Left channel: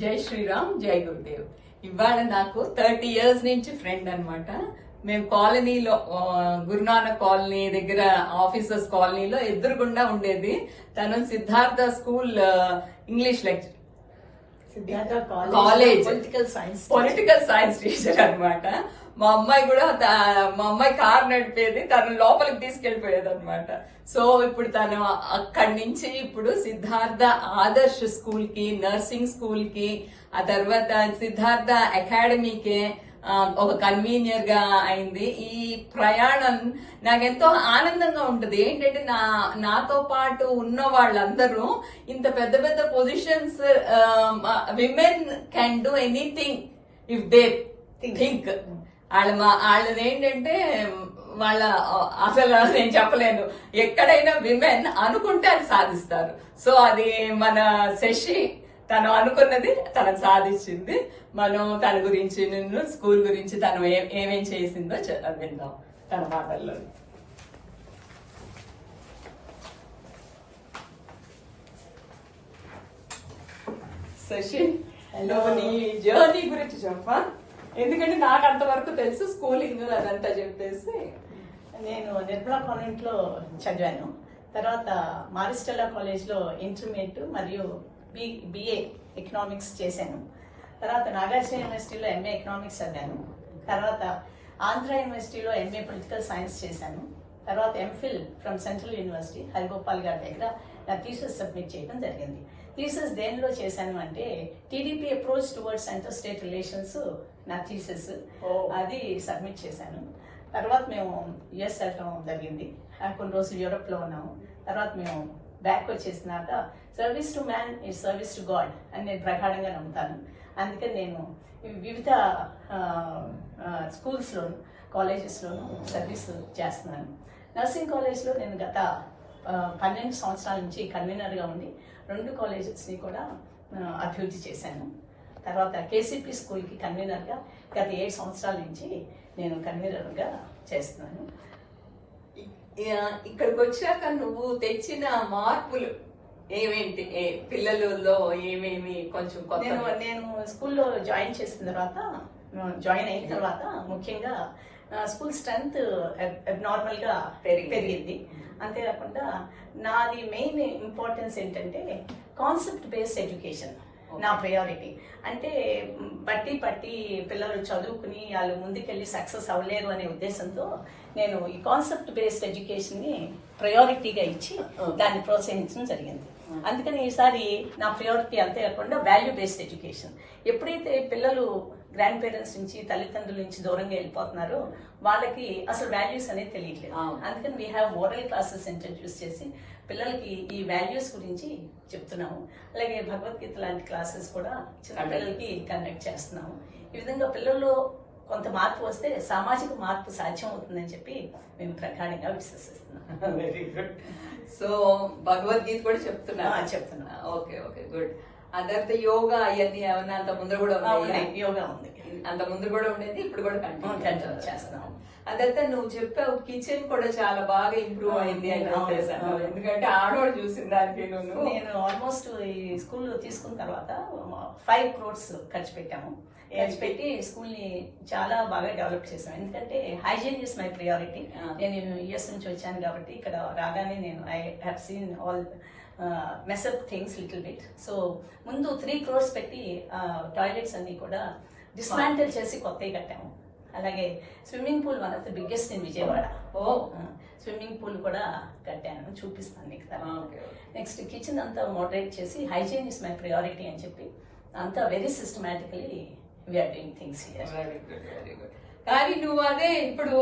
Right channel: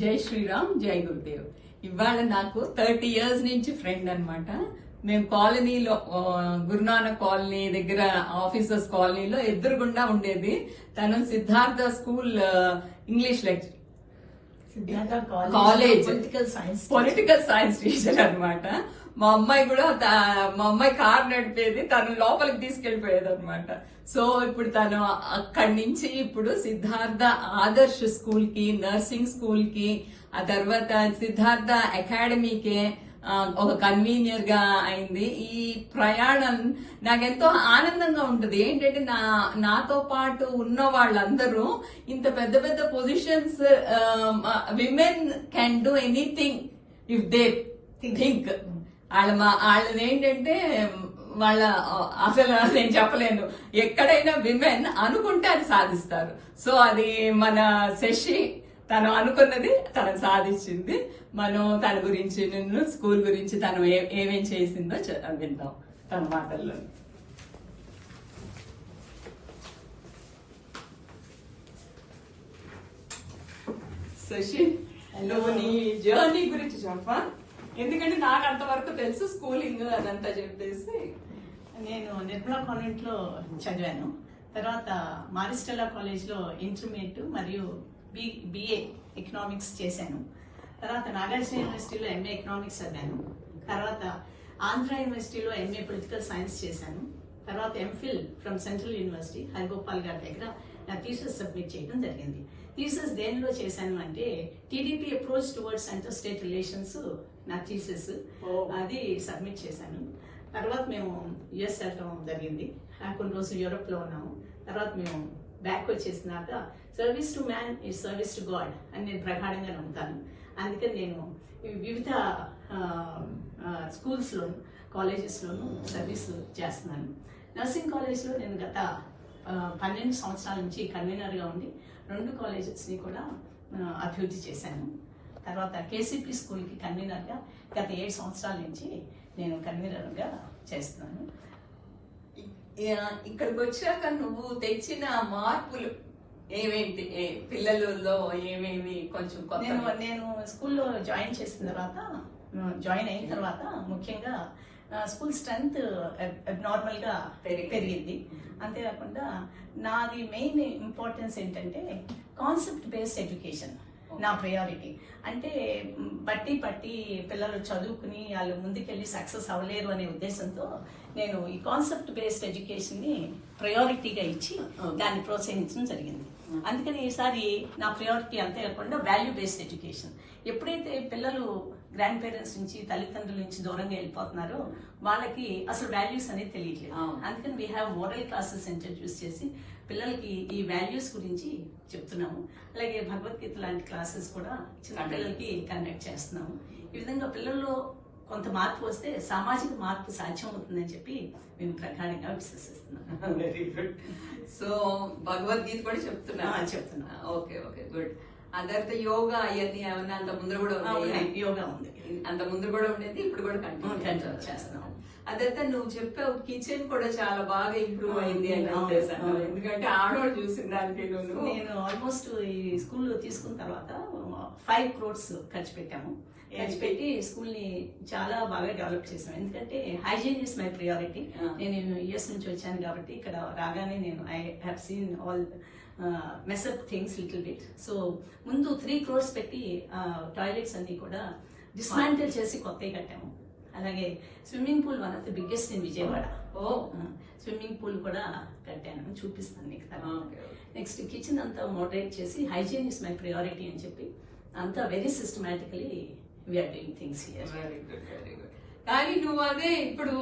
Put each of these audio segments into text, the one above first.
జై శ్రీరామ్, జై గురుదేవ్. ఇవాళ నాకు 30 years నుంచి ఫ్రెండ్ అన్నమాట. మేము కాలనీలో గురునానక్ కాలనీ దగ్గర ఆఫీసర్స్ కాలనీలో ఎదురుగుండా ఉండేది. తను Siddhartha school English lecture, college political science teacher అన్నమాట. మా అమ్మాయి కూడా మా అమ్మాయి కార్ నడిపేది, తను లోపలికి తీసుకెళ్లిపోయేది అనమాట. సో ఇప్పుడు తను అక్కడి నుంచి ఇప్పుడు సిద్ధార్థ ఆదర్శ్ స్కూల్ కి, నర్సింగ్ స్కూల్ కి, ఆ తర్వాత సిద్ధార్థ అకాడమీకి ఒక కన్వీనియర్ గా అయింది. ఈ ప్రయాణం నాకెంతో ఆనందంగా ఉంటుంది. ఏంటంటే నాతో పాటు ఉన్న వాళ్ళందరూ ఇంత పెద్ద పెద్ద positions, women can do anything if they think. వాళ్ళది ఏంటంటే వాళ్ళ అసలు నేను చెప్పలేను, ఎక్కడైనా విమెన్ అనుకుంటే అది సాధిస్తారు. సో అది మన శశి తను అనుకున్నది తనకు సాధించింది. మనం తన గురించి, నిన్ను స్కూల్ గురించి తను ఏమేం చేసిందో విందాం తన మాటల్లో. శశి, నువ్వు నీ జర్నీ గురించి చెప్పా, ఎందుకంటే నాకు అంతవరకు తెలుసు, స్కూలింగ్ అదంతా చెప్పేసి. నేను నిర్మలా కాన్వెంట్ లో చదివాను. తర్వాత మారిస్టెల్లా కాలేజ్ లో ఇంటర్మీడియట్ మరియు బిఏ ఎకనామిక్స్ చేశాను. తర్వాత నాగార్జున యూనివర్సిటీలో ఎంఏ ఎకనామిక్స్ చదివాను. తర్వాత ఆంధ్ర యూనివర్సిటీలో ఎంఏ పొలిటికల్ సైన్స్ చేశాను. తర్వాత MPhil from central university Harigopal గారి దగ్గర నా థీసిస్ సబ్మిట్ చేయడం జరిగింది. థీసిస్ దేనిలో చేశాను అంటే TDP approach towards centre state relations నా థీసిస్, అది సబ్మిట్ చేశాను. తర్వాత మేము యుఎస్ వెళ్ళడం జరిగింది. కొన్ని రోజులు యూరోప్ లో ఉన్నాము. తర్వాత మేము బ్యాక్ వచ్చేసినాక service to man is service to God అని నేను ప్రగాఢంగా నమ్ముతాను. అందుకని నేను వివిధ స్కూల్స్ లోను, కాలేజెస్ లోను సర్వీస్ చేస్తున్నాను. నర్సింగ్ కాలేజ్ లో నేను గత 12 సంవత్సరాల నుంచి కన్వీనర్ గా ఉండి 2 కాలేజెస్ ని కూడా అభివృద్ధి చేశాను. తర్వాత కేసీపీ స్కూల్ కి కన్వీనర్ గా గత 7 సంవత్సరాల నుంచి నేను కన్వీనర్ గా చేస్తున్నాను. ఇక్కడికి వచ్చాక నువ్వు తెచ్చిన మార్పులు ఏమేంటి, పిల్లలలో ఏమేమి కొంచెం నేను స్కూల్లో జాయిన్ అయిన తర్వాత ముఖ్యంగా స్కూల్ స్ట్రెంగ్త్ నార్మల్ గా పెరిగింది. అంతేకాకుండా నాది మెయిన్ ఇంపార్టెన్స్ ఏంటంటే కాన్సెప్ట్ బేస్డ్ ఎడ్యుకేషన్ నా ప్రయారిటీ. అంటే పట్టి పిల్లలు చదువుకుని వాళ్ళు ముందుకెళ్ళి సక్సెస్ అవ్వలేరు అనే ఉద్దేశంతో నేను ఈ కాన్సెప్ట్ బేస్డ్ ఎడ్యుకేషన్ ని ప్రయారిటీగా ఇచ్చి దాన్ని ప్రోత్సహించడం జరిగింది. అందుకని ఈసారి నా ప్రయారిటీ అంతేకాకుండా వాల్యూ బేస్డ్ ఎడ్యుకేషన్. ఎప్పుడైతే పిల్లలు గ్రాండ్ పేరెంట్స్ నుంచి, తల్లిదండ్రుల నుంచి దూరంగా వెళ్ళిపోతున్నారో వాళ్ళకి అసలు వాల్యూస్ అనేది తెలియట్లేదు. అందుకని we have oral classes introduce చేసి పిల్లలకి ఈ వాల్యూస్ గురించి చెప్తున్నాము. అలాగే భగవద్గీత లాంటి క్లాసెస్ కూడా చిన్న పిల్లలకి కండక్ట్ చేస్తున్నాము. ఈ విధంగా పిల్లల్లో కొంత మార్పు వస్తే సామాజిక మార్పు సాధ్యం అవుతుందని చెప్పి మేము ప్రగాఢంగా విశ్వసిస్తున్నాం. Very good. సో భగవద్గీత కూడా చెప్తున్నా. Okay, good. అందరితో యోగా అవన్నీ ఏమన్నా అంత ముందు కూడా యోగా ఉంది, అంత ముందు కూడా ఉండేది, ఇప్పుడు కూడా కంటిన్యూ చేస్తున్నాం. అదంతా నువ్వు చెప్పావు, కిచెన్ కూడా చాలా బాగా ఇంప్రూవ్ అయింది అని చెప్పేసాను. ఎందుకంటే ఆడవాళ్ళు చూసిన దానికి నేను ఆల్మోస్ట్ ఈ స్కూల్ తీసుకున్న తర్వాత 5 crores ఖర్చు పెట్టాము. ఖర్చు పెట్టి స్కూల్ ని చాలా బాగా డెవలప్ చేశాను. ఎందుకంటే హైజీన్ ఇస్ మై ప్రియారిటీ. నేను యుఎస్ నుంచి వచ్చాను కాబట్టి ఇక్కడ రాగానే నేను I have seen all mess up things little bit. So ముందు 3 crores పెట్టి టాయిలెట్స్ అన్ని కూడా డిస్మాంటిల్ చేసి కొత్తవి కట్టాము. అలాగే swimming pool one of the biggest in Vijayawada. Swimming pool కూడా కట్టాను, చూపిస్తాను నీకు. నెక్స్ట్ కిచెన్ అంతా మోడరేట్ చేసి హైజీన్ ఇస్ మై ప్రియారిటీ అని చెప్పి అంతా very systematically we are doing things here. Very good. కానీ నువ్వు అదే ఇప్పుడు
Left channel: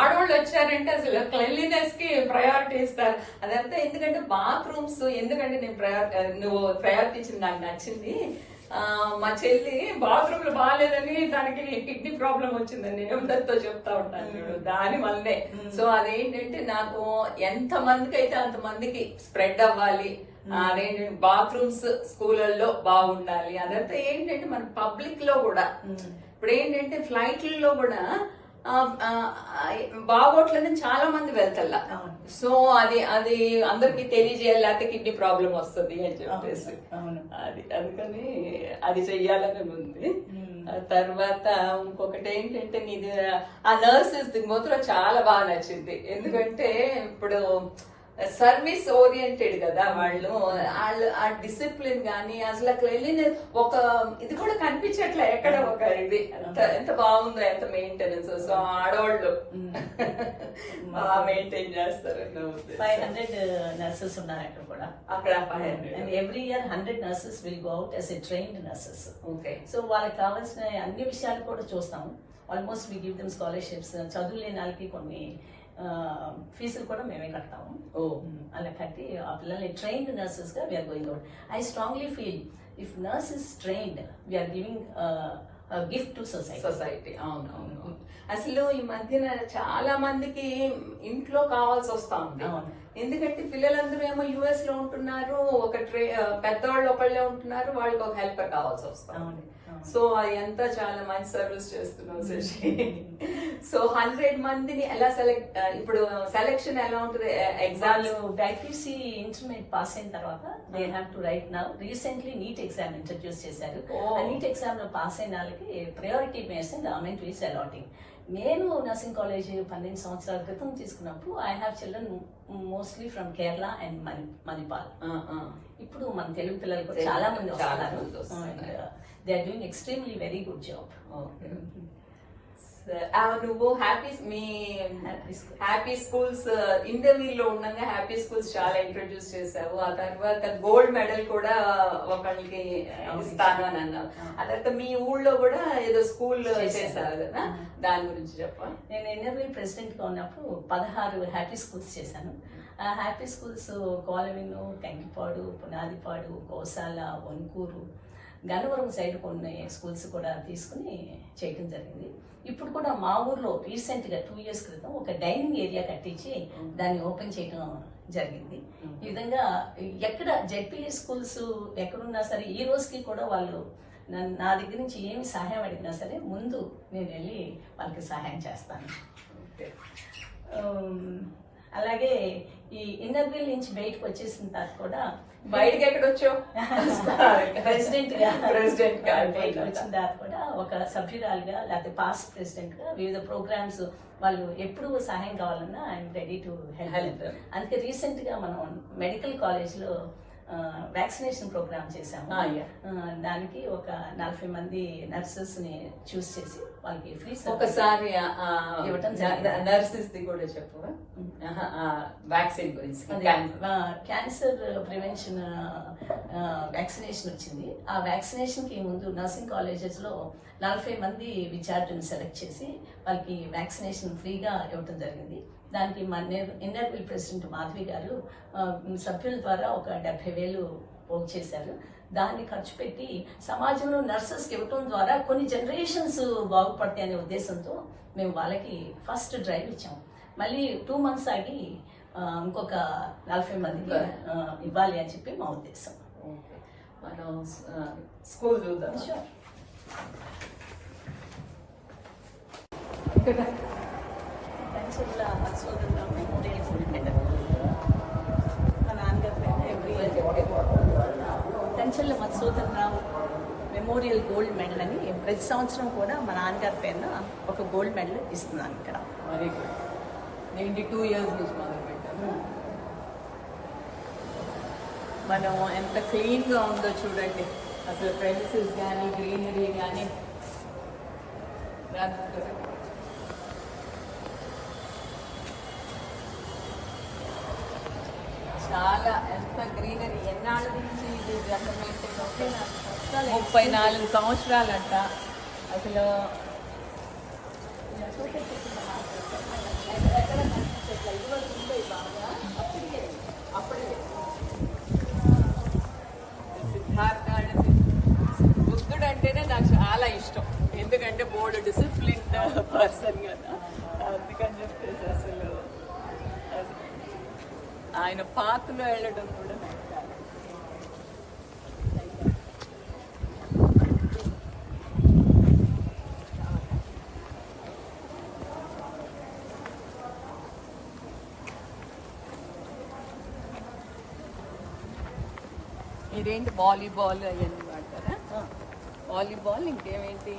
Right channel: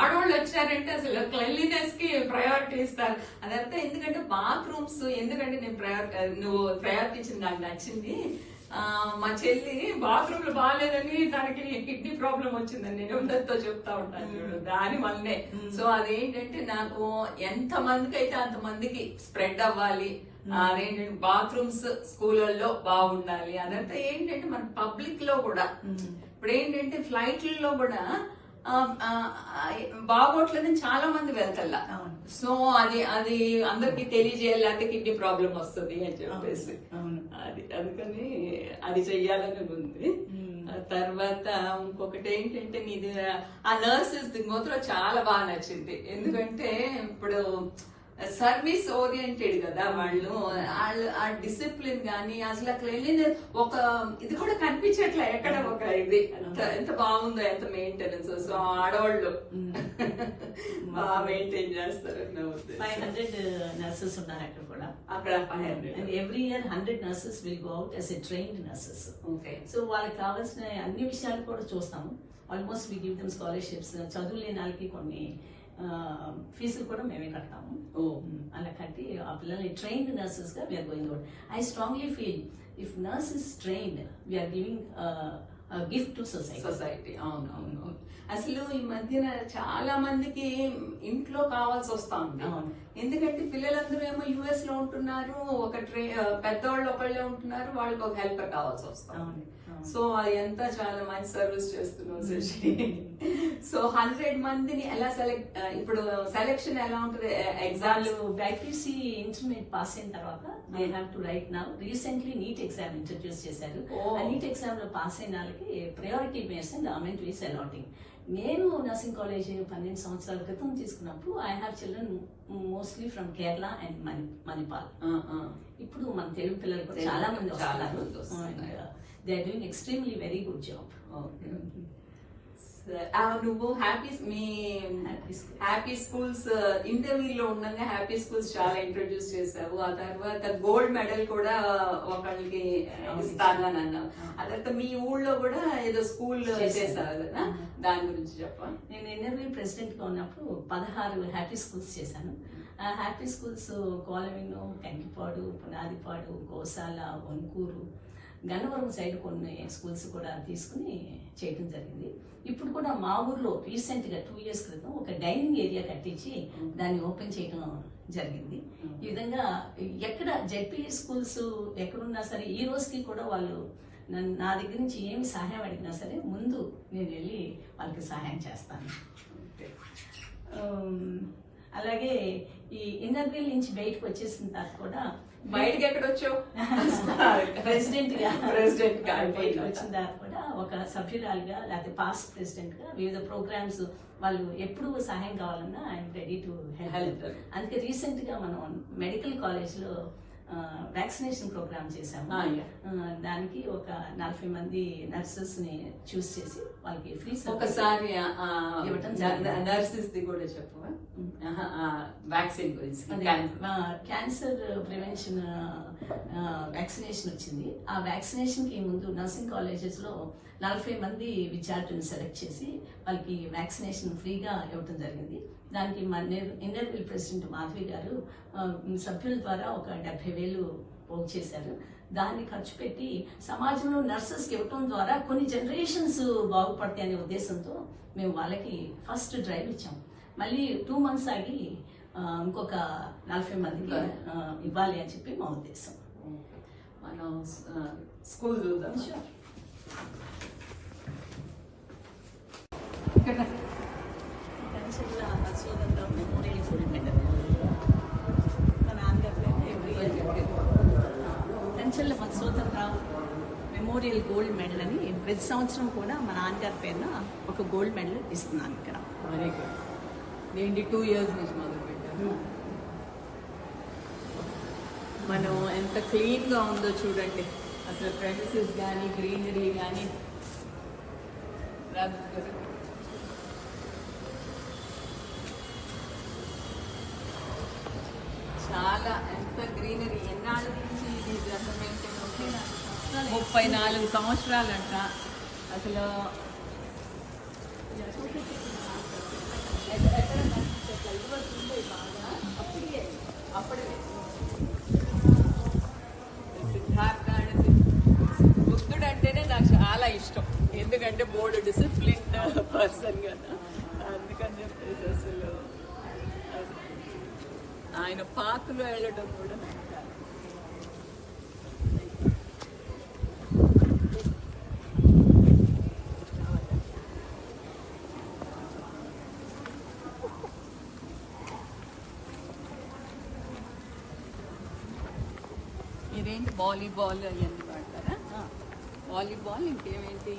ఆడవాళ్ళు వచ్చారంటే అసలు క్లెన్లీనెస్ కి ప్రయారిటీ ఇస్తారు. అదంతా ఎందుకంటే బాత్రూమ్స్, ఎందుకంటే నువ్వు ప్రయారిటీ ఇచ్చింది నాకు నచ్చింది. మా చెల్లి బాత్రూమ్లు బాగాలేదని దానికి కిడ్నీ ప్రాబ్లం వచ్చిందని నేను అందరితో చెప్తా ఉంటాను దాని వల్లే. సో అదేంటంటే నాకు ఎంత మందికి అయితే అంత మందికి స్ప్రెడ్ అవ్వాలి, అదేంటంటే బాత్రూమ్స్ స్కూళ్ళల్లో బాగుండాలి. అదంతా ఏంటంటే మన పబ్లిక్ లో కూడా ఇప్పుడు ఏంటంటే ఫ్లైట్లలో కూడా బాగోట్లని చాలా మంది వెళ్తల్లా. అవును. సో అది అది అందరికి తెలియజేయాలి, లేకపోతే కిడ్నీ ప్రాబ్లం వస్తుంది అని చెప్పేసి అవును. అందుకని అది చెయ్యాలని ఉంది. తర్వాత ఇంకొకటి ఏంటంటే నీది ఆ నర్సెస్ మాత్రం చాలా బాగా నచ్చింది. ఎందుకంటే ఇప్పుడు సర్వీస్ ఓరియంటెడ్ కదా వాళ్ళు ఆ డిసిప్లిన్ గానీ అసలు అక్కడ వెళ్ళిన ఒక ఇది కూడా కనిపించట్లే ఎక్కడ ఒక ఇది ఎంత బాగుందో, ఎంత మెయింటెనెన్స్. సో ఆడవాళ్ళు బాగా మెయింటైన్ చేస్తారు. 500 nurses ఉన్నారు అక్కడ కూడా. అక్కడ 500 and every year 100 nurses will go out as a trained nurses. Okay. So వాళ్ళకి కావాల్సిన అన్ని విషయాలు కూడా చూస్తాము. Almost we give them scholarships. చదువు లేని వాళ్ళకి కొన్ని ఫీజులు కూడా మేమే కడతాము. అలా కట్టి ఆ పిల్లల్ని ట్రైన్డ్ నర్సెస్ గా we are going out. I strongly feel if nurse is trained we are giving gift to society. అవును. అసలు ఈ మధ్యన చాలా మందికి ఇంట్లో కావాల్సి వస్తా ఉంది. ఎందుకంటే పిల్లలందరూ ఏమో యుఎస్ లో ఉంటున్నారు, ఒక పెద్దవాళ్ళు ఒకళ్ళే ఉంటున్నారు, వాళ్ళకి ఒక హెల్పర్ కావాల్సి వస్తాం. సో ఎంత చాలా మంచి సర్వీస్ చేస్తున్నావు శశి. సో 100 మందిని ఎలా సెలెక్ట్, ఇప్పుడు సెలెక్షన్ ఎలా ఉంటుంది? ఎగ్జామ్ బ్యాక్యూసీ ఇంటర్మీడియట్ పాస్ అయిన తర్వాత they have to write now. Recently NEET exam introduce చేశారు. ఆ నీట్ ఎగ్జామ్ లో పాస్ అయిన వాళ్ళకి priority base and government is allotting. నేను నర్సింగ్ కాలేజ్ 12 సంవత్సరాల క్రితం తీసుకున్నప్పుడు I have children mostly from Kerala and Manipal. ఇప్పుడు మన తెలుగు పిల్లలు కూడా చాలా మంది వస్తున్నారు. They are doing extremely very good job. నువ్వు హ్యాపీ స్కూల్స్ ఇంటర్వ్యూలో ఉండగా హ్యాపీ స్కూల్స్ చాలా ఇంట్రొడ్యూస్ చేశావు. ఆ తర్వాత గోల్డ్ మెడల్ కూడా ఒకళ్ళకి ఇస్తాను అని అన్నావు. ఆ తర్వాత మీ ఊళ్ళో కూడా ఏదో స్కూల్ చేశారు కదా, దాని గురించి చెప్పా. నేను ఎన్ఆర్ఐ ప్రెసిడెంట్ గా ఉన్నప్పుడు 16 హ్యాపీ స్కూల్స్ చేశాను. ఆ హ్యాపీ స్కూల్స్ కోలవిను, కంకిపాడు, పునాదిపాడు, గోశాల, వన్కూరు, గన్నవరం సైడ్ కొన్ని స్కూల్స్ కూడా తీసుకుని చేయడం జరిగింది. ఇప్పుడు కూడా మా ఊర్లో రీసెంట్ గా 2 years క్రితం ఒక డైనింగ్ ఏరియా కట్టించి దాన్ని ఓపెన్ చేయడం జరిగింది. ఈ విధంగా ఎక్కడ జెడ్పీఎస్ స్కూల్స్ ఎక్కడున్నా సరే ఈ రోజుకి కూడా వాళ్ళు నా దగ్గర నుంచి ఏమి సహాయం అడిగినా సరే ముందు నేను వెళ్ళి వాళ్ళకి సహాయం చేస్తాను. అలాగే ఈ ఇన్నర్వీల్ నుంచి బయటకు వచ్చేసిన తర్వాత కూడా బయటకి ఎక్కడ వచ్చావు? ప్రెసిడెంట్ గా బయటకు వచ్చిన తర్వాత కూడా ఒక సభ్యురాలుగా లేకపోతే పాస్ట్ ప్రెసిడెంట్ గా వివిధ ప్రోగ్రామ్స్ వాళ్ళు ఎప్పుడు సహాయం కావాలన్నా ఐఎమ్ రెడీ టు హెల్ప్. అందుకే రీసెంట్ గా మనం మెడికల్ కాలేజ్ లో వ్యాక్సినేషన్ ప్రోగ్రామ్ చేశాము. దానికి ఒక 40 మంది నర్సెస్ ని చూస్ చేసి వాళ్ళకి ఫ్రీ ఒకసారి నర్సెస్ ది కూడా చెప్పు. వ్యాక్సిన్ గురించి క్యాన్సర్ ప్రివెన్షన్ వ్యాక్సినేషన్ వచ్చింది. ఆ వ్యాక్సినేషన్ కి ముందు నర్సింగ్ కాలేజెస్ లో 40 మంది విద్యార్థులను సెలెక్ట్ చేసి వాళ్ళకి వ్యాక్సినేషన్ ఫ్రీగా ఇవ్వడం జరిగింది. దానికి మన ఇన్నర్వీల్ ప్రెసిడెంట్ మాధవి గారు సభ్యుల ద్వారా ఒక 70,000 పోగు చేశారు. దాన్ని ఖర్చు పెట్టి సమాజంలో నర్సెస్కి ఇవ్వటం ద్వారా కొన్ని జనరేషన్స్ బాగుపడతాయి అనే ఉద్దేశంతో మేము వాళ్ళకి ఫస్ట్ డ్రైవ్ ఇచ్చాము. మళ్ళీ 2 months ఆగి ఇంకొక 40 మందికి ఇవ్వాలి అని చెప్పి మా ఉద్దేశం. మనం స్కూల్ చూద్దాం. మెమోరియల్ గోల్డ్ మెడల్ మా నాన్నగారు కంచెల్ల మధుసూదన్ రావు మెమోరియల్ గోల్డ్ మెడల్ అని ప్రతి సంవత్సరం కూడా మా నాన్నగారి పైన ఒక గోల్డ్ మెడల్ ఇస్తున్నాను ఇక్కడ. Very good. నేను 2 years నుంచి మొదలు పెట్టాను. మనం ఎంత క్లీన్ గా ఉందో చూడండి. అసలు ప్రెమిసెస్ కానీ గ్రీనరీ కానీ చాలా ఎంత గ్రీనరీ. ఎన్నాళ్ళ నుంచి ఇది డెవలప్మెంట్? 34 సంవత్సరాలంట. అసలు సిద్ధార్థ బుద్ధుడు అంటేనే నాకు చాలా ఇష్టం. ఎందుకంటే బోర్డు డిసిప్లిన్ పర్సన్ కదా, అందుకని చెప్పేసి అసలు ఆయన పాత్రలో వెళ్ళడం కూడా ఏంటి వాలీబాల్ అవన్నీ వాడతారా? వాలీబాల్ ఇంకేమేంటి?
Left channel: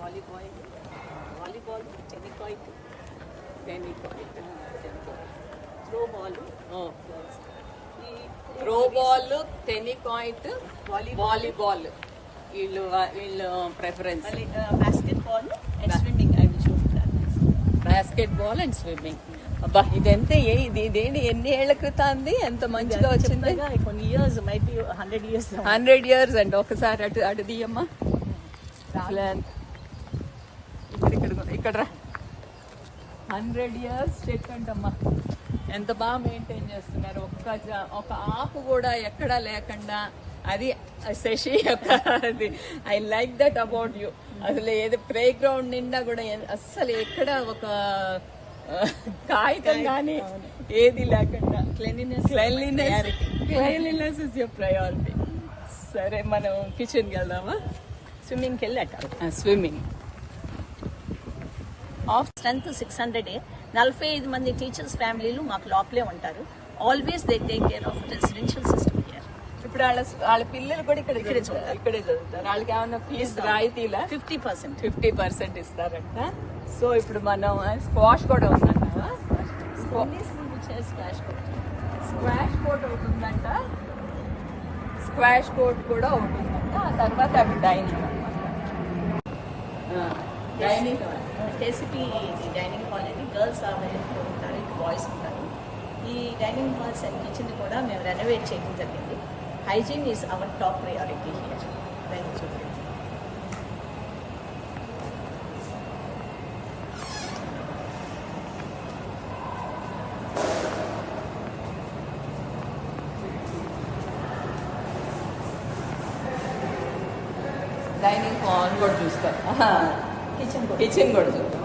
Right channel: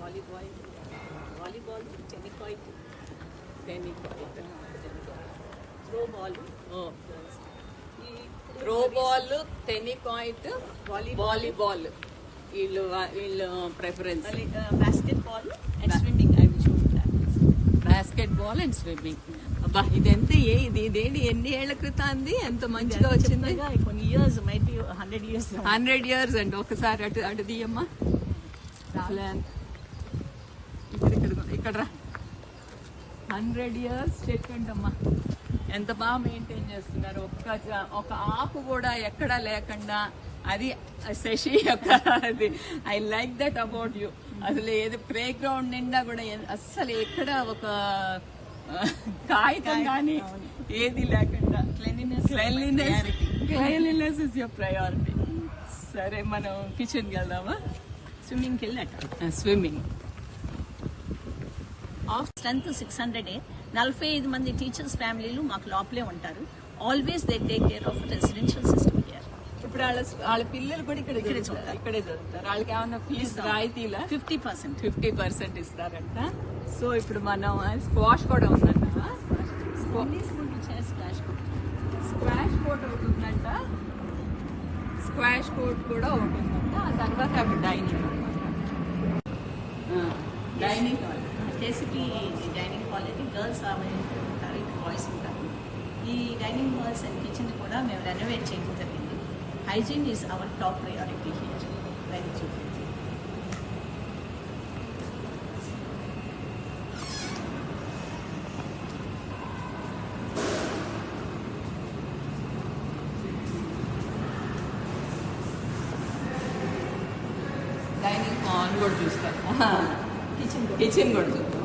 Volleyball tennikoit throw ball tennikoit volleyball వీళ్ళు preference. Basketball and swimming. I will show you that. Basketball and swimming. అబ్బా ఇదంతా ఇదేంటి ఎన్ని ఏళ్ల క్రితం అంది? ఎంత మంచిగా వచ్చింది. కొన్ని years might be 100 years and ఒకసారి అటు తీయమ్మా. ఇక్కడ 100 years చెట్టు అంటమ్మా. ఎంత బాగా మెయింటైన్ చేస్తున్నారు. ఒక ఆకు కూడా ఎక్కడా లేకుండా. అది శశి అది I like that about you. అసలు ఏది ప్లే గ్రౌండ్ నిండా కూడా అస్సలు ఎక్కడ ఒక కాగితం కానీ ఏది లేకుండా. Cleanliness is your priority. సరే మనం కిచెన్కి వెళ్దామా? స్విమ్మింగ్కి వెళ్ళాక స్విమ్మింగ్. Of strength 600. 45 మంది టీచర్స్ ఫ్యామిలీలు మాకు లోపలే ఉంటారు. Always they take care of residential system here. ఇప్పుడు వాళ్ళ పిల్లలు కూడా ఇక్కడే చదువుతారు. వాళ్ళకి ఏమన్నా ఫీజు రాయితీలా? 50% ఇస్తారంట. సో ఇప్పుడు మనం స్క్వాష్ కూడా ఉందంట. స్క్వాష్ కోర్ట్ ఒకటి ఉందంట. స్క్వాష్ కోర్ట్ కూడా ఒకటి ఉందంట. ఆ తర్వాత అవి డైనింగ్ అనమాట. డైనింగ్ బేసిక్లీ ఇది డైనింగ్ హాల్ అయితే గర్ల్స్ అవైలబుల్ ఉంటారు, బాయ్స్ ఉంటారు. ఈ డైనింగ్ హాల్స్ అండ్ కిచెన్ కూడా మేము రెనోవేట్ చేయడం జరిగింది. Hygiene is our top priority here. Dining hall కూడా చూస్తారు. కిచెన్ కూడా చూస్తాం.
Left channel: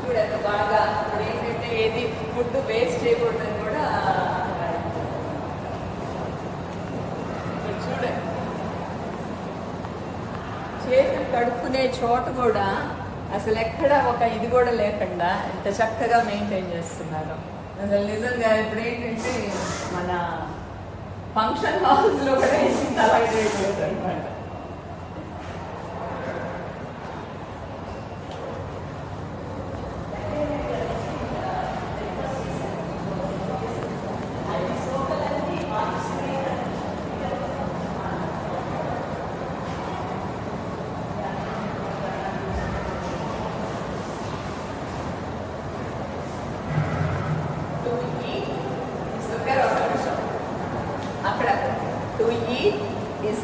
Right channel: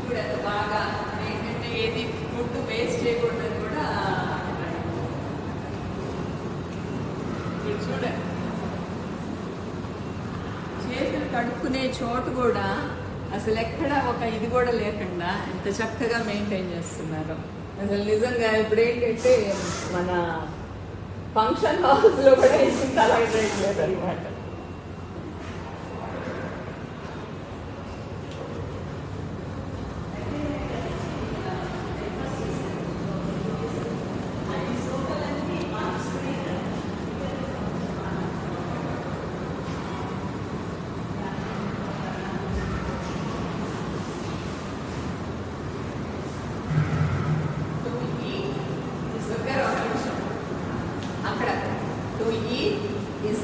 చూడండి బాగా ఇప్పుడు ఏంటంటే ఏది ఫుడ్ వేస్ట్ చేయకూడదని కూడా చూడండి. చేతులు కడుక్కునే చోట కూడా అసలు ఎక్కడ ఒక ఇది కూడా లేకుండా ఇంత చక్కగా మెయింటైన్ చేస్తున్నారు. అసలు నిజంగా ఇప్పుడు ఏంటంటే మన ఫంక్షన్ హౌస్ లో కూడా అనమాట. To eat is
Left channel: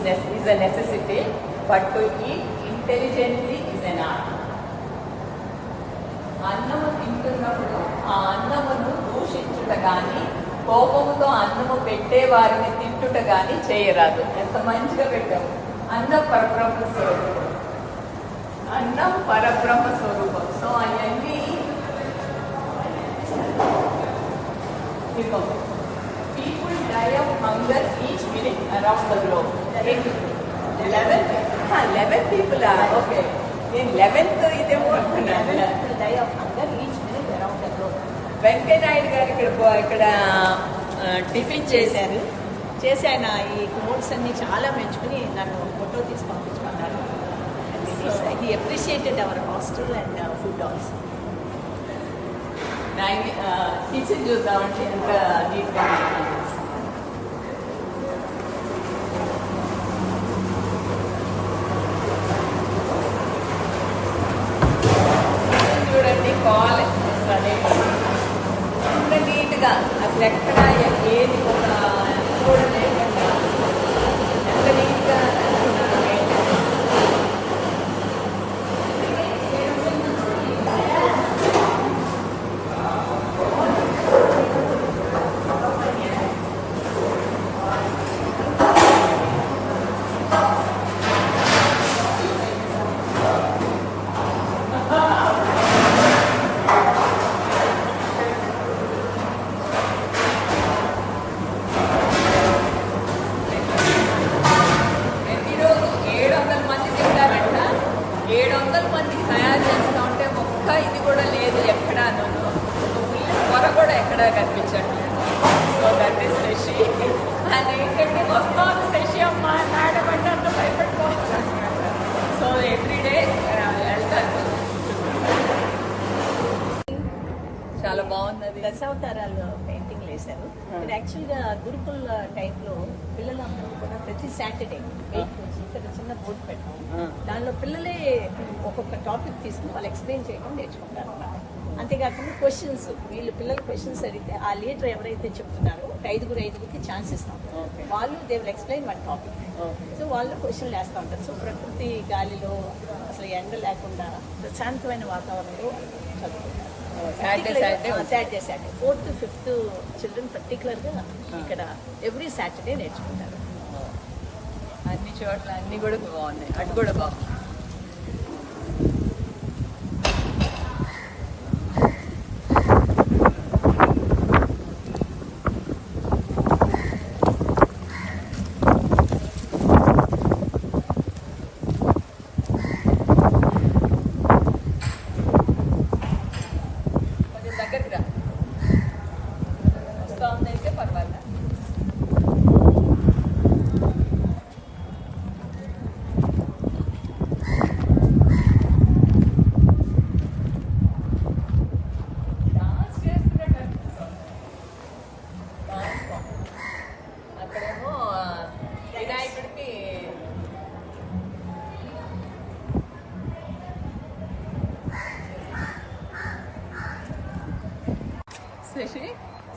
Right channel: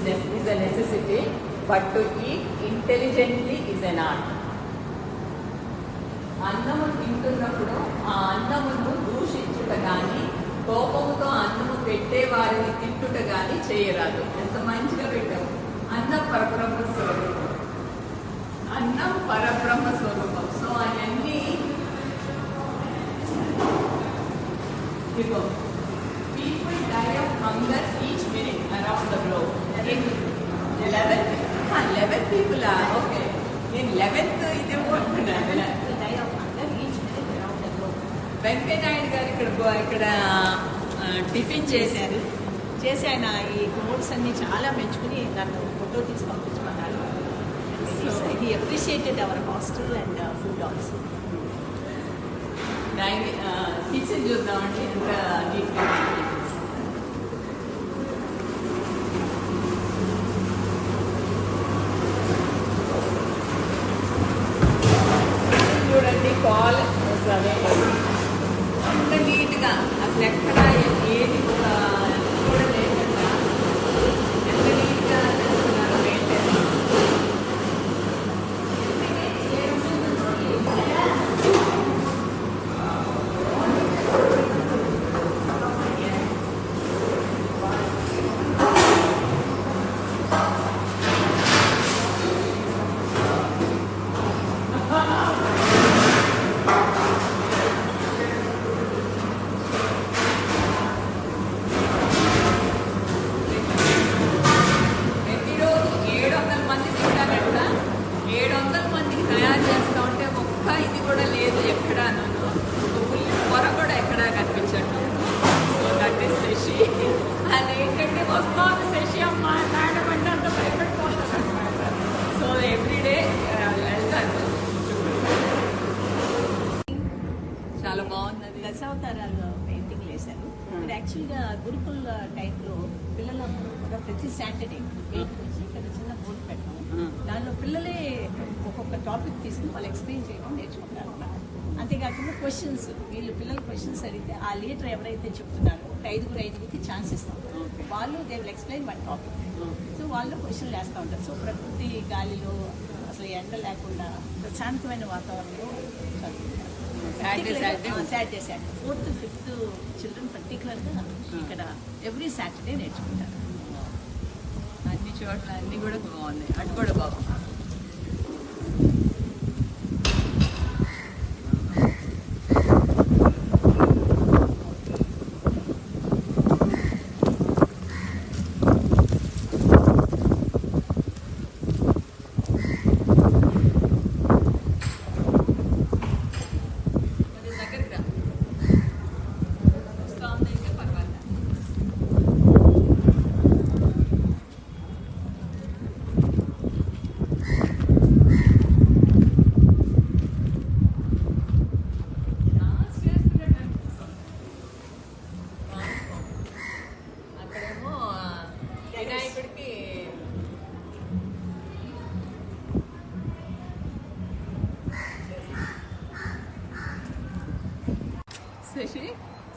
a necessity, but to eat intelligently is an art. అన్నము తింటున్నప్పుడు ఆ అన్నమును దూషించుట గాని, కోపముతో అన్నము పెట్టే వారిని తిట్టుట గాని చేయరాదు. ఎంత మంచిగా పెట్టాము. అన్నం పరబ్రహ్మ స్వరూపం. అన్నం పరబ్రహ్మ స్వరూపం. సో అవన్నీ people die of hunger each minute around the globe. 11 people are okay. In 11th ఇది ఏమంటున్నారు? Die of hunger each minute around the globe. Venkaiah Naidu గారు ఇక్కడ టిఫిన్ చేశారు. చేసి ఆయన ఈ నోట్స్ అన్ని చాలా మెచ్చుకుని నన్ను ఫోటో తీసి పంపించుకున్నారు. He appreciated our hostel and food also. Kitchen చూద్దామంటే ఎంత నీట్గా చూడండి. కాలేజ్ అంత నీట్గా అసలు ఎక్కడ ఏది ఒక కూడా లేకుండా ఎంత నీట్గా తేడా కనిపించండి. So that is Shashi. And ఏంటంటే వస్తాను శశి అమ్మ మేడం అంటే అంత భయపడిపోతాను అనమాట. సో ఎవ్రీడే వెళ్తాను. చాలా బాగున్నది. దశావతారాలు పెయింటింగ్ వేశారు. యాక్చువల్గా గురుకుల టైప్లో పిల్లలందరూ కూడా ప్రతి సాటర్డే ఇక్కడ చిన్న బోర్డు పెట్టాం. దానిలో పిల్లలే ఒక్కొక్క టాపిక్ తీసుకుని వాళ్ళు ఎక్స్ప్లెయిన్ చేయడం నేర్చుకుంటారు అన్నమాట. అంతేకాకుండా క్వశ్చన్స్, వీళ్ళు పిల్లలు క్వశ్చన్స్ అడిగితే ఆ లీడర్ ఎవరైతే చెప్తున్నారో ఐదుగురికి ఛాన్స్ ఇస్తాం. వాళ్ళు they will explain one topic. So వాళ్ళు క్వశ్చన్లు వేస్తూ ఉంటారు. సో ప్రకృతి గాలిలో అసలు ఎండ లేకుండా ప్రశాంతమైన వాతావరణంలో చదువుకుంటారు. Saturday 4th to 5th children పర్టికులర్గా ఇక్కడ ఎవ్రీ సాటర్డే నేర్చుకుంటారు. అన్ని చోట్ల అన్ని కూడా బాగున్నాయి. అటు కూడా బాగుంది. అక్కడేమో వినాయకుడికి శశి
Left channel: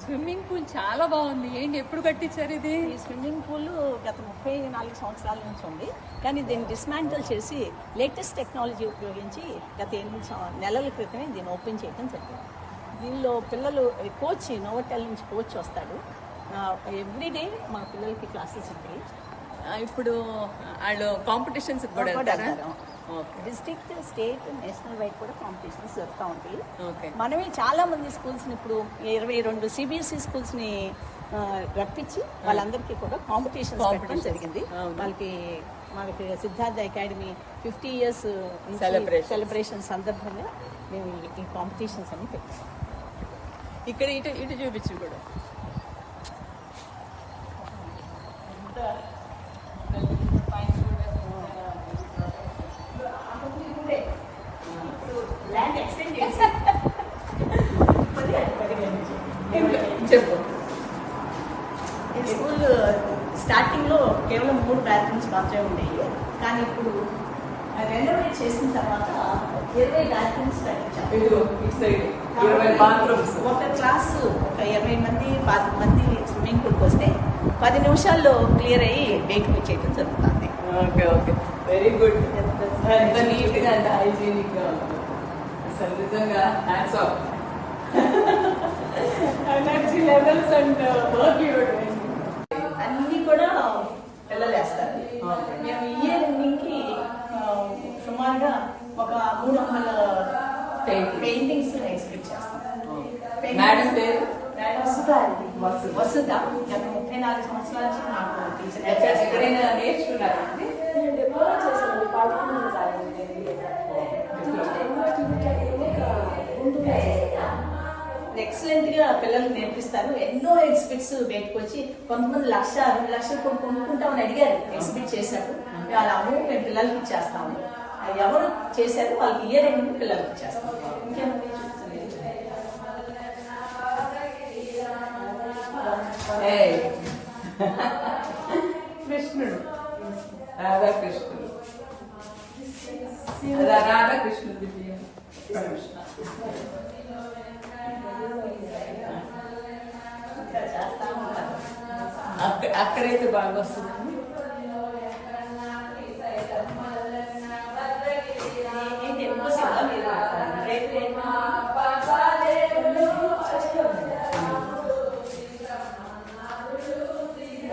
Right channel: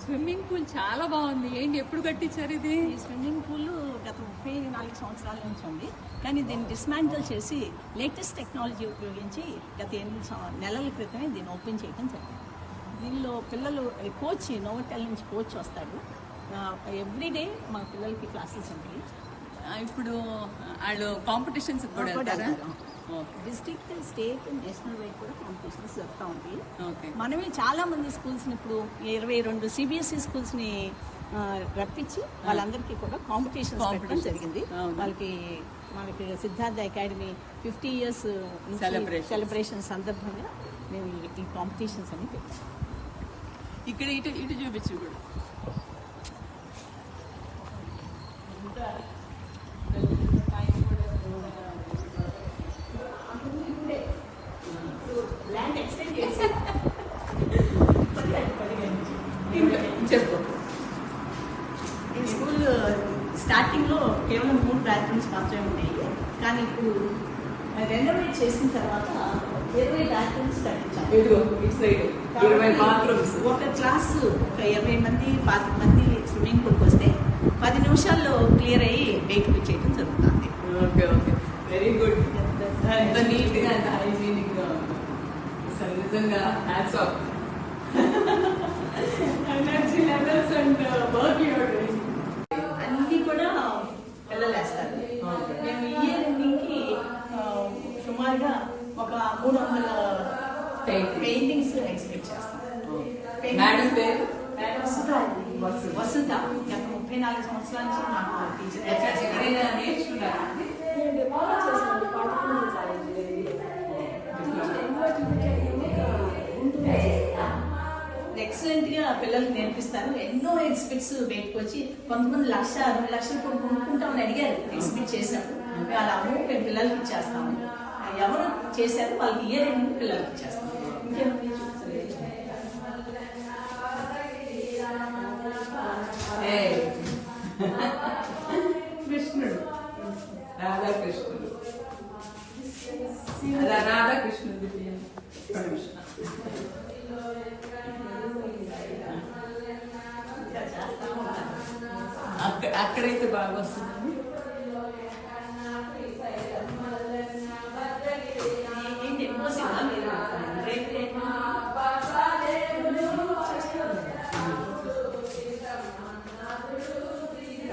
స్విమ్మింగ్ పూల్ చాలా బాగుంది. ఏంటి ఎప్పుడు కట్టించారు ఇది? ఈ స్విమ్మింగ్ పూల్ గత 34 సంవత్సరాల నుంచి ఉంది. కానీ దీన్ని డిస్మాంటిల్ చేసి లేటెస్ట్ టెక్నాలజీ ఉపయోగించి గత 8 నెలల క్రితమే దీన్ని ఓపెన్ చేయడం జరిగింది. దీనిలో పిల్లలు కోచ్ నోవటెల్ నుంచి కోచ్ వస్తాడు. ఎవ్రీడే మా పిల్లలకి క్లాసెస్ ఉంటాయి. ఇప్పుడు వాళ్ళు కాంపిటీషన్స్ కూడా వెళ్తారా? డిస్ట్రిక్ట్, స్టేట్, నేషనల్ వైడ్ కూడా కాంపిటీషన్స్ జరుగుతూ ఉంటాయి. ఓకే. మనమే చాలా మంది స్కూల్స్ని ఇప్పుడు 22 CBSE స్కూల్స్ని రప్పించి వాళ్ళందరికీ కూడా కాంపిటీషన్స్ పెట్టడం జరిగింది. మనకి సిద్ధార్థ అకాడమీ 50 years సెలబ్రేషన్ సందర్భంగా మేము ఈ కాంపిటీషన్స్ అన్ని పెట్టాం. ఇక్కడ ఇటు ఇటు చూపించు కూడా. ఈ స్కూల్ స్టార్టింగ్ లో కేవలం 3 bathrooms మాత్రమే ఉండేవి. కానీ ఇప్పుడు రెనోవేట్ చేసిన తర్వాత 20 bathrooms ఒక క్లాస్ ఒక 20 మంది 10 మంది స్విమ్మింగ్ పూల్కి వస్తే 10 నిమిషాల్లో క్లియర్ అయ్యి బయటకు వచ్చేయడం జరుగుతుంది. Okay okay, very good. ఎంత నీట్ గా ఎంత హైజీనిక్ గా ఉంది. అసలు నిజంగా hats off. Energy levels and work అన్ని కూడా పిల్లలు వేస్తారు. మేము ఇయర్ ఎండింగ్కి సుమారుగా ఒక 300 పెయింటింగ్స్ ఎక్స్పెక్ట్ చేస్తాం. మేడం పేరు వసుధ. గత 34 సంవత్సరాల నుంచి నాకు టీచర్. ఎక్కడైనా నేర్చుకున్నారా? ఎక్సలెంట్ గా పిల్లలకి నేర్పిస్తారు. ఎన్నో ఎగ్జిబిట్స్ బయటకు వచ్చి కొంతమంది 1,00,000, 2 లక్షలు కూడా కొనుక్కుంటామని అడిగారు ఎగ్జిబిట్ చేసినప్పుడు. వాళ్ళ అమౌంట్ మేము పిల్లలకి ఇచ్చేస్తాము. ఎవరు చేశారు వాళ్ళకి ఇయర్ ఎండింగ్ పిల్లలకి ఇచ్చేస్తాము. ఇంకేమన్నా కృష్ణుడు, రాధాకృష్ణుడు, రాధాకృష్ణుడు అక్కడైతే బాగా వస్తుంది.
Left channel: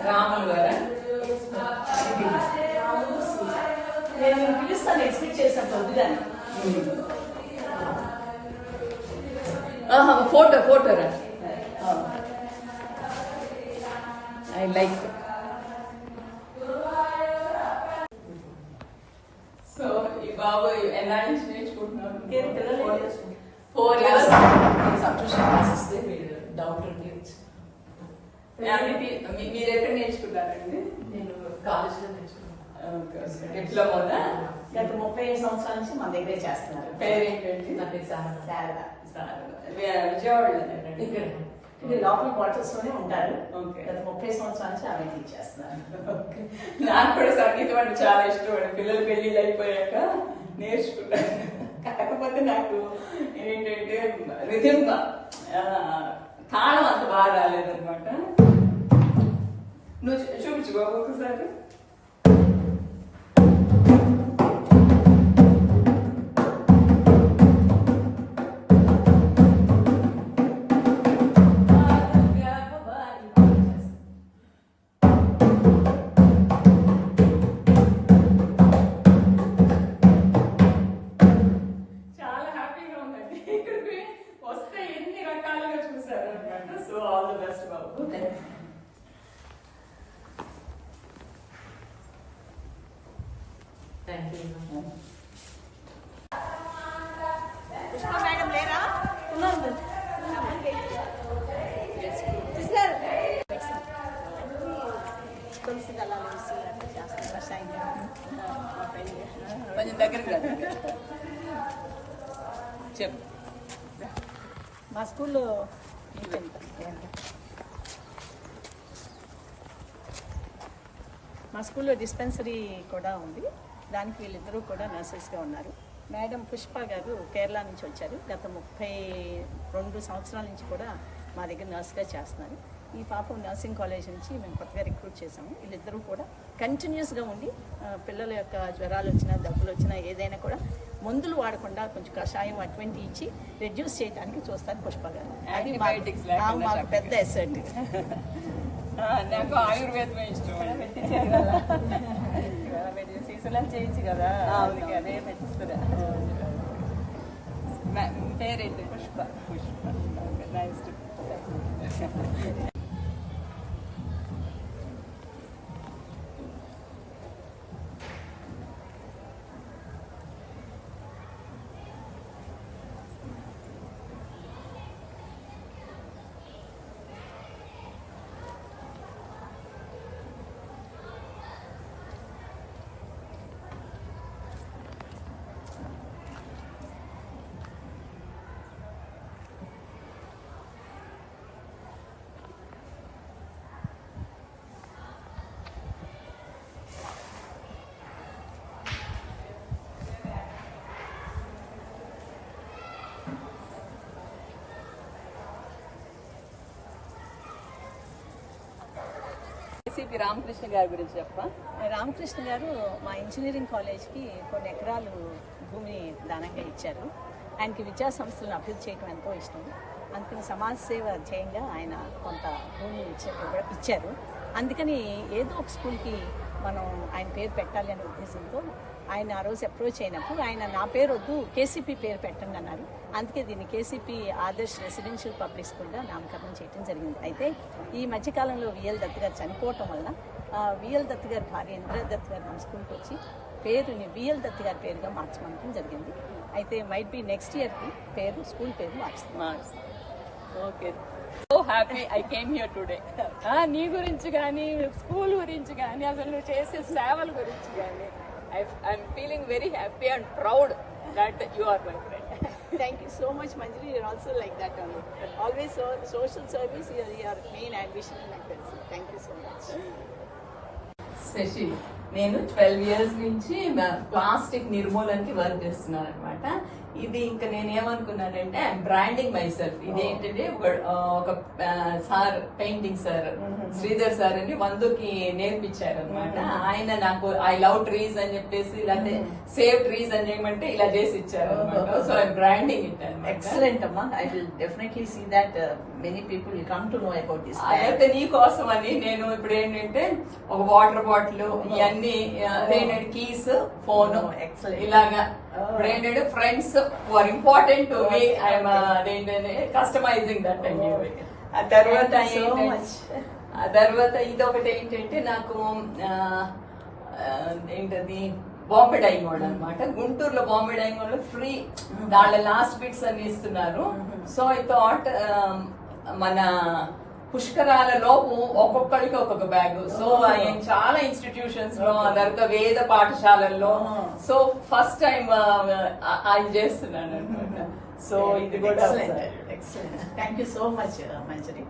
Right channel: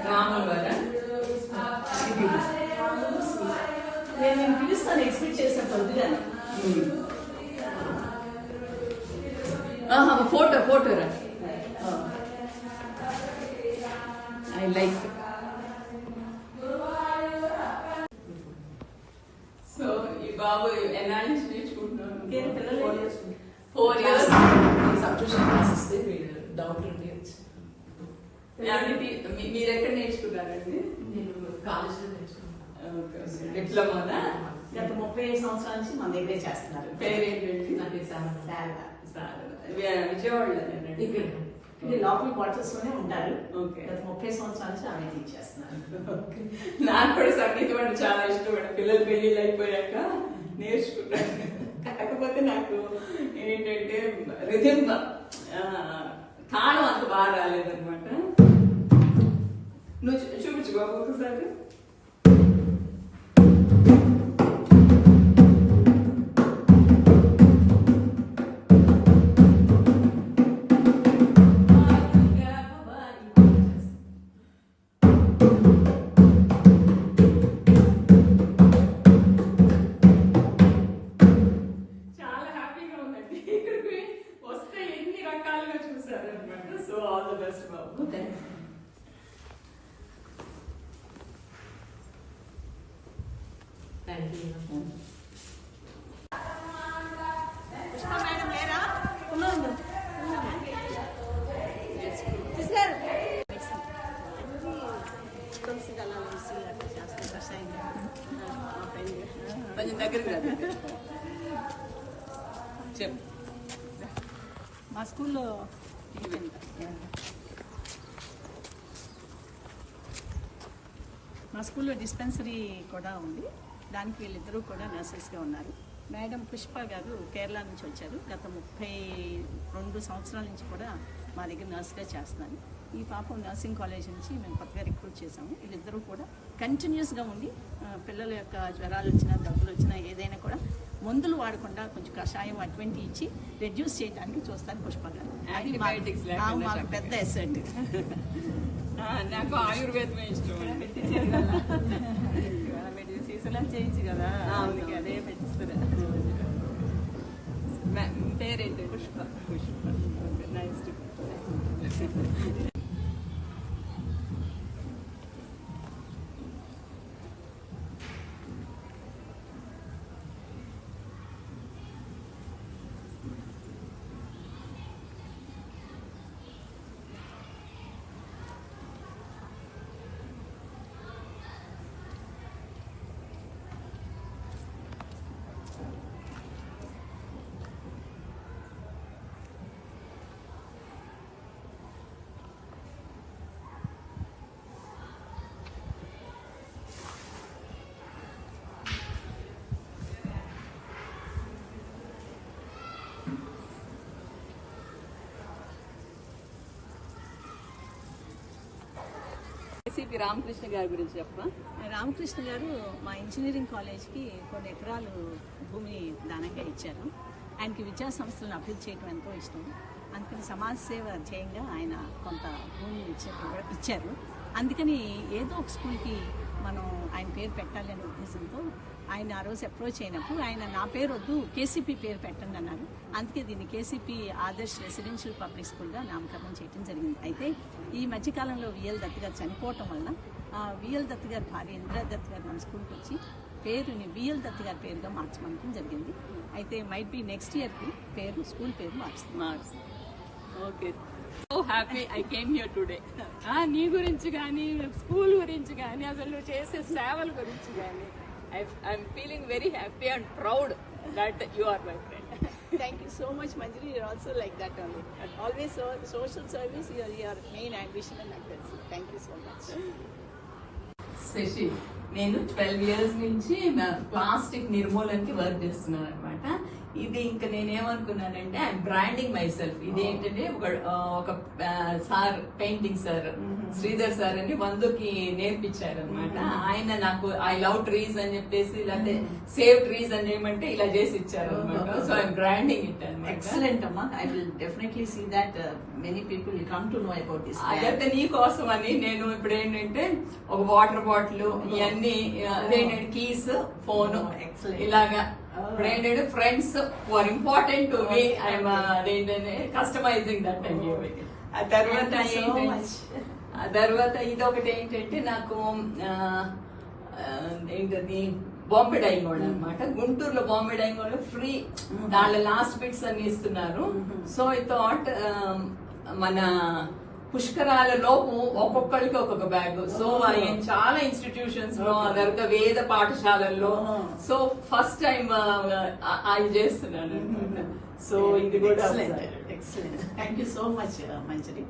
రాములు గారా? నేను పిలుస్తాను ఎక్స్పెక్ట్ చేసినప్పుడు వదిలాను. ఫోటో రా. I like. సో ఈ బాబు ఎన్నాళ్ళ నుంచి నేర్చుకుంటున్నారు? 4 years. 4 years. Subscription classes down లోపల చేయొచ్చు. మీరు ఎక్కడ నేర్చుకున్నారండి? నేను కాలేజ్లో నేర్చుకున్నాను. డిప్లొమా. గత 30 సంవత్సరాల నుంచి మన దగ్గరే చేస్తున్నారు. పేరేంటండి? నా పేరు శారద. విజయవాడలోనేనండి. ఇక్కడ ఇది లోకల్ క్వార్టర్స్ లోనే ఉంటారు. Okay. గత 30 సంవత్సరాల నుంచి ఆమె టీచ్ చేస్తున్నారు. నాకు కూడా సంగీతం అంటే చాలా ఇష్టం అండి. పిల్లలు పెళ్లిళ్ళు అయిపోయాక నేర్చుకున్నాను. కాకపోతే నాకు ఏంటంటే రిథమ్ తాళం అంత బాగా రాలేదన్నమాట. నువ్వు చూపించు బాబు ఒకసారి. చాలా హ్యాపీగా ఉందండి. ఇక్కడికి వస్తే ఎన్ని రకాలుగా చూసారనమాట. సో ఆల్ ది బెస్ట్ బాబు. Thank you. మేడం లేరా? తులసి దళాలు వేసి అట్లా చేస్తారు. కషాయం మా ఫ్రెండ్ కొంచెం దగ్గరికి రా. చెప్పు. మా స్కూల్లో డిస్పెన్సరీ కూడా ఉంది. దానికి వీళ్ళిద్దరూ కూడా నర్సెస్గా ఉన్నారు. మేడం పుష్ప గారు కేరళ నుంచి వచ్చారు. గత 32 సంవత్సరాల నుంచి కూడా మా దగ్గర నర్స్గా చేస్తున్నారు. ఈ పాపం నర్సింగ్ కాలేజ్ నుంచి మేము కొత్తగా రిక్రూట్ చేసాము. వీళ్ళిద్దరూ కూడా కంటిన్యూస్గా ఉండి పిల్లల యొక్క జ్వరాలు వచ్చినా దగ్గులు వచ్చినా ఏదైనా కూడా మందులు వాడకుండా కొంచెం కషాయం అటువంటి ఇచ్చి రెడ్యూస్ చేయడానికి చూస్తారు పుష్ప గారు. అది మాకు పెద్ద ఎసెట్. నాకు ఆయుర్వేదమే ఇష్టం. మీరు సీసలా చేయొచ్చు కదా, అదే పెట్టిస్తున్నా. పేరేంటి? పుష్ప. పుష్ప. నైస్. సిపి రామకృష్ణ గారి గురించి చెప్పా. రామకృష్ణ గారు మా ఇంజనీరింగ్ కాలేజ్కి కొన్ని ఎకరాలు భూమిని దానంగా ఇచ్చారు. ఆయనకి విద్యా సంస్థలను అభివృద్ధి చేయడం ఎంతో ఇష్టం. అందుకని సమాజ సేవ ధ్యేయంగా ఆయన కొంత భూమిని ఇచ్చారు. అందుకని ఏదో ఒక స్కూల్కి మనం ఆయన పేరు పెట్టాలి అనే ఉద్దేశంతో ఆయన ఆ రోజు అప్రోచ్ అయినప్పుడు ఆయన నా పేరు వద్దు కేసీపీ పేరు పెట్టండి అన్నారు. అందుకే దీన్ని కేసీపీ ఆదర్శ్ రెసిడెన్షియల్ పబ్లిక్ స్కూల్గా నామకరణం చేయడం జరిగింది. అయితే ఈ మధ్యకాలంలో విఎల్ దత్ గారు చనిపోవటం వల్ల విఎల్ దత్ గారి భార్య ఇందిరా దత్ గారు మన స్కూల్కి వచ్చి పేరుని విఎల్ దత్ గారి పేరుగా మార్చమనడం జరిగింది. అయితే మైట్ బి నెక్స్ట్ ఇయర్కి పేరు స్కూల్ పేరు మార్చుతాం. Okay, so happy I came here today. నీ గురించి కానీ స్కూల్ గురించి కానీ అసలు నువ్వు చేసే సేవల గురించి కానీ I'm feeling very happy and proud that you are my friend. Thank you so much, Manjari. You're also like that only. Always social service is your main ambition and ambition. Thank you so much. Shashi, నేను 12 years నుంచి plastic నిర్మూలనకి work చేస్తున్నాను అనమాట. ఇది ఇంకా నేనేమనుకున్నానంటే I'm branding my self. ఇది ఏంటంటే ఒక sir, painting sir Sridhar sir అని 100కి నేర్పించారు అనమాట. ఆయన నాకు ఐ లవ్ ట్రీస్ అని చెప్పేసి ఇలాంటి సేవ్ ట్రీస్ అని ఏమంటే ఇలా చేసి ఇచ్చారు అనమాట. సో ఐఎమ్ బ్రాండింగ్ ఇట్ అనమాట. Excellent, Amma. I will definitely see that many people will come to know about this. అయితే నీ కోసం అని నేను ఇప్పుడు ఏంటంటే ఒక వాటర్ బాటిల్, ఇవన్నీ ఏంటంటే కీస్, ఫోన్, ఇలాగా ఇప్పుడు ఏంటంటే friends are important to me. I'm అదేంటంటే కస్టమైజింగ్ దట్. ఆ తర్వాత ఇది ఒకటి ఏంటంటే నాకు ఏంటది బాంబే డైయింగ్ వాళ్ళు అనమాట. గుంటూరులో బాంబే డైయింగ్ వాళ్ళు ఫ్రీ దాంట్లో లాస్ట్ బిట్స్ అని ఇస్తున్నారు. సో ఐ థాట్ మన పుష్కరాలలో ఒక్కొక్కరికి ఒక్కొక్క బ్యాగ్. సో ఆయన చాలా ఇన్స్టిట్యూషన్స్ లో తర్వాత వేద పాఠశాలల్లో సో ఫస్ట్ టైం ఆయన చేస్తున్నాను అనమాట. సో ఇది కూడా excellent. Thank you so much Manjari.